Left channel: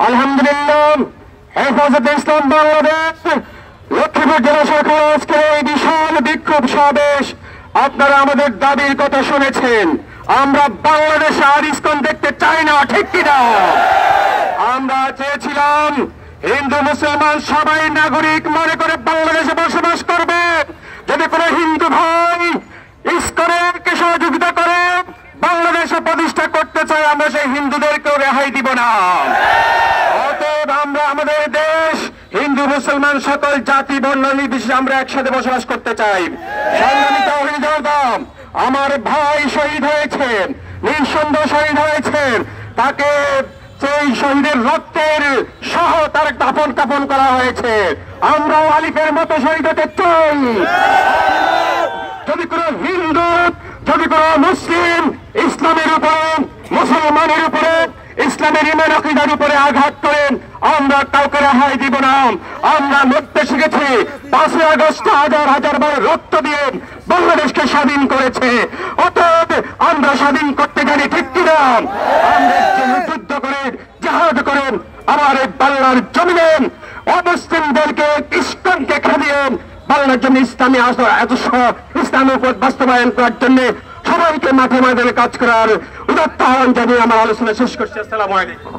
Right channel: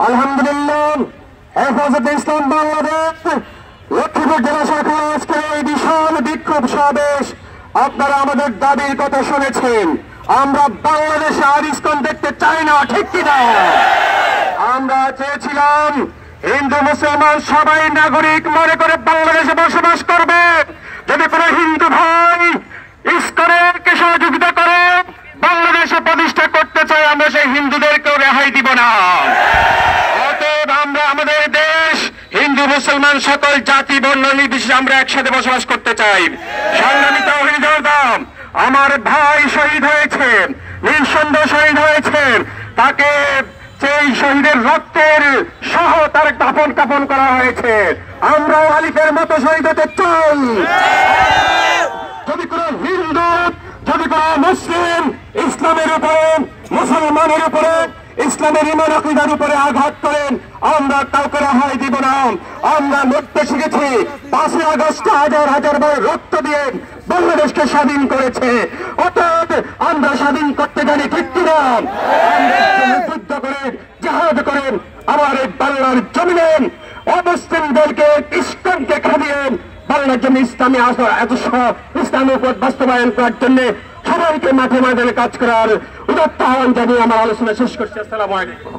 আলহামদুলিল্লাহ হেফাজতে ইসলাম বাংলাদেশ লক্ষ্মীপুর জেলা শাখার আজকে এই বিশাল বিক্ষোভ সমাবেশ। আপনারা আমাদের দাবির কথা শুনেছেন। আমরা বাংলাদেশে আর ইসকন দেখতে চাই না, ঠিক কিনা? আমরা চেয়েছিলাম হিন্দু মুসলমান সবাই নাগরিক মনে করে বাংলাদেশে বসবাস করবে। যদি কোনো হিন্দু ভাই ইসকনের সহযোগিতা করে বাংলাদেশে প্রতিষ্ঠা করতে চাই, আমরা সেই হিন্দুদেরকেও রেহাই দিব না। অতএব আমরা আমাদের দেশ হিন্দু মুসলমান সকল জাতি বর্ণ নির্বিশেষে আমরা একসাথে বসবাস করতে চাই। সংগ্রামী তাওহীদ জনতা, আমার ভাই শহীদ হয়েছেন, নিঃসন্দেহে শহীদ হয়েছেন। তাকে সেই শহীদের রক্তের সহ তার দাফন কাফন করা হয়েছে। আমরা আলিফের মতো শহীদ হতে চাই। যদি কোন হিন্দু, যদি কোন মুসলিম ইসলামের উপরে, মুসলমানের উপরে, ইসলামের ঈমান আকীদার উপরে আঘাত করেন, আমরা কাউকে রেহাই দিব না। আমরা লড়তে শিখেছি। 5ই আগস্ট হাজার হাজার বার রক্ত দিয়ে বাংলাদেশকে স্বাধীন করেছে। অতএব আমরা স্বাধীন করতে জানি, ঠিক কিনা? আমরা যুদ্ধ করেন, জাহাজ করেন, আমার এই বাংলার জমিনে অমুসলিমদেরকে, ইসকনকে খাদিয়েন বাংলার জন্য ইসলামী ইসলামী উপর বাস্তবায়ন করার জন্য সবাইকে মাঠে মাঠে কাজ করার উদাত্ত আহ্বান জানিয়ে আমার আলোচনা শেষ করছি। আসসালামু আলাইকুম।